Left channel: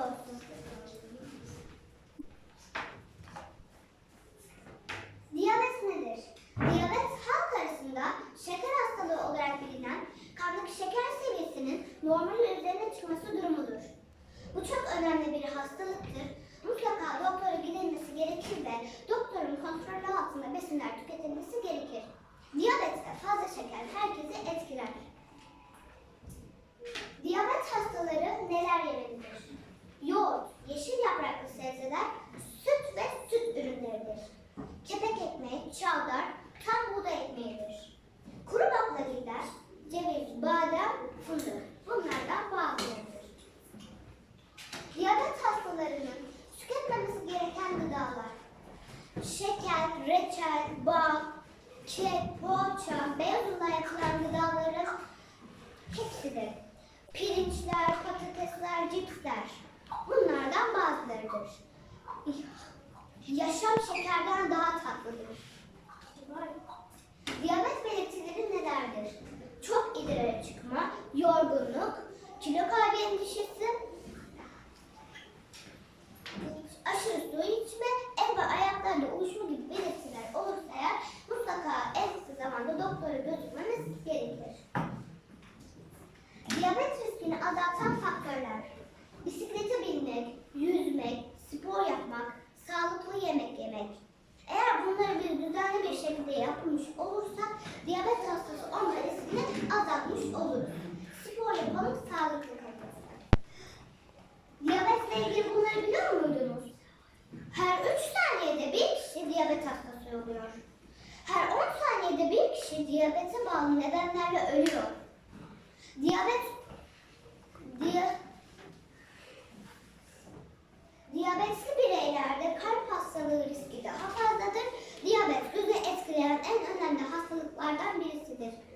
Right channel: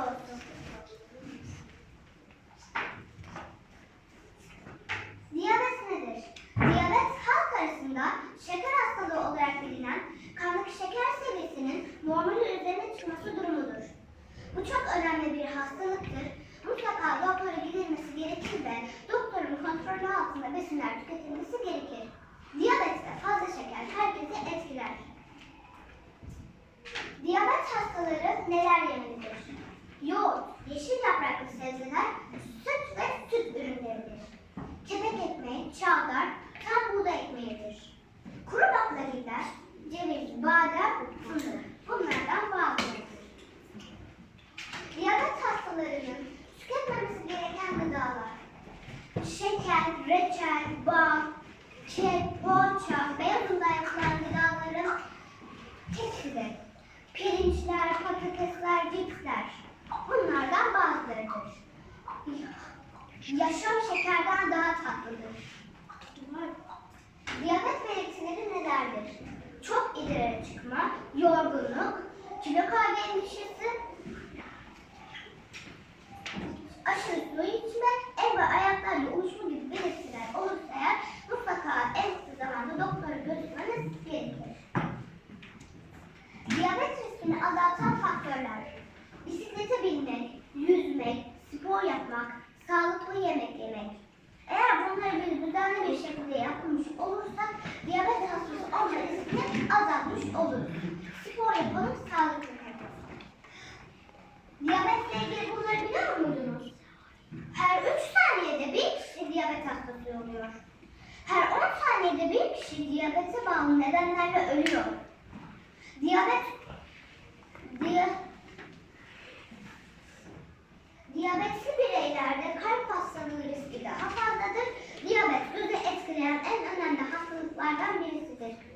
olsun. Diyabet nedir? Diyabet halk arasında şeker hastalığı olarak bilinen kandaki şeker seviyesinin normalin üzerine çıkması durumudur. Bu çok önemli bir hastalıktır. Mutlaka doktora gidilmesi gerekir ve doktorun sebzeler, süt ve süt ürünleridir. Kepek ekmeği, çavdar, tam buğday ekmeğidir. Kuru baklagiller, ceviz, badem, fındık. Bunlardan bazılarıdır. Diyabet hastalarının tüketmemesi gereken gıdalar. Şeker, reçel, bal, kek, poğaça, beyaz undan yapılan gıdaların hepsidir. Pirinçler, patatesler, cipsler. Bunlardan bazılarıdır. Yaşam şekerden daha tatlıdır. Diyabet belirtileri nelerdir? Çok idare çıkma, yorgunluk, kilo kaybı endişesi, aşırı su içme, el ve ayaklarla uyuşma riskini azaltmış oluruz. Spor yapalım, sağlıklı kalalım. Diyabetle ilgili bunları biliyor muydunuz? Her 3 saniyede bir kişi diyabet hastası oluyor. Her 10 saniyede bir kişi diyabete bağlı nedenlerle ölüyor. Diyabet diye, diyabetli bireylerde kalp hastalığı riski daha fazladır. Diyabet gözü etkileyen en önemli hastalıklardan birisidir.